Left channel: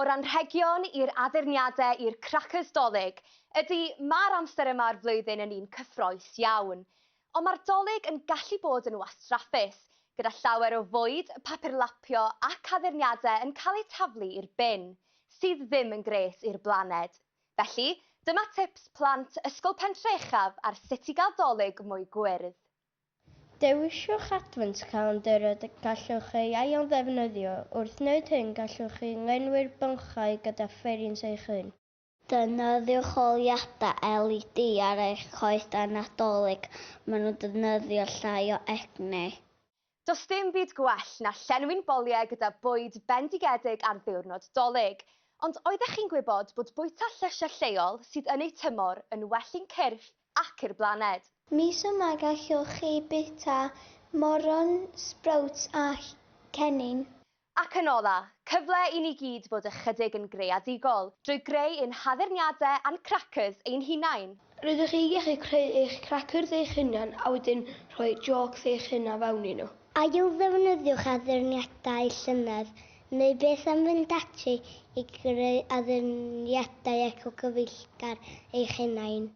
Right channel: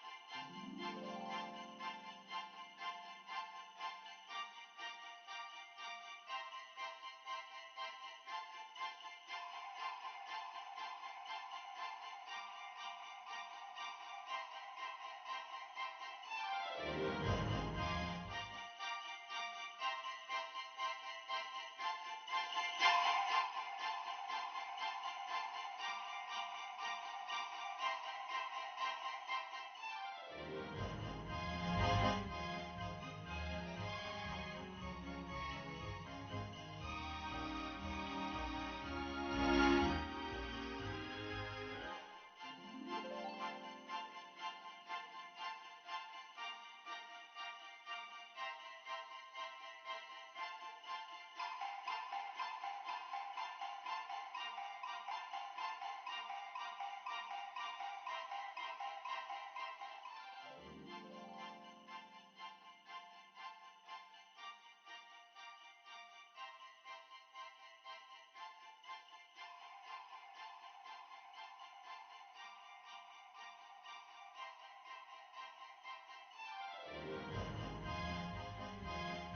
O'r anrhegion i'r addurniadau i'r cracyrs dolig, ydy mae'r amser yma'r flwyddyn yn un cyffrous iawn. Ond mae'r dolig yn gallu bod yn wastraffus, gyda llawer o fwyd, papurlapio ac addurniadau yn cael eu taflu i'r bin, sydd ddim yn gres i'r blaned. Felly, dyma tips plant ysgol Pentreuchaf ar sut i gael dolig mwy gwyrdd. Dewiswch advent calendar y gallwch ei ail ddefnyddio. Wrth wneud hyn, gallwch chi lenwi'r bylchau gyda fferins eich hun. Defnyddiwch oliadau LED ar eich coesau Nadolig. Maen nhw'n defnyddio llai o egni. Does dim byd gwell na llenwi'n boliau gyda bwyd bendigedig am ddiwrnod dolig. Ond oeddech chi'n gwybod bod bwyta llysiau lleol sydd yn eu tymor yn well i'n cyrff ac i'r blaned? Mis yma gallwch chi bita moron, sprouts a cennin. Ac yn ola, cyfle i ni gyd bod ychydig yn greadigol drwy greu ein haddurniadau a'n cracyrs ein hunain. Rydych chi gallu creu eich cracyrs eich hunan a wedyn rhoi jocs eich hunan fewn i nhw. Ail ddefnyddiwch addurniadau llynedd neu beth am fynd ati i greu addurniadau eco-gyfeillgar eich hunain.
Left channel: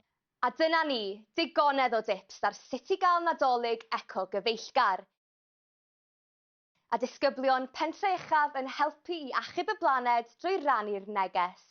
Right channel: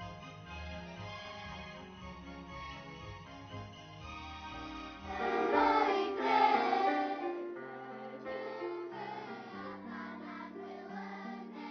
A dyna ni, digonedd o dips ar sut i gael Nadolig eco-gyfeillgar. A disgyblion Pentreuchaf yn helpu i achub y blaned drwy rannu'r neges.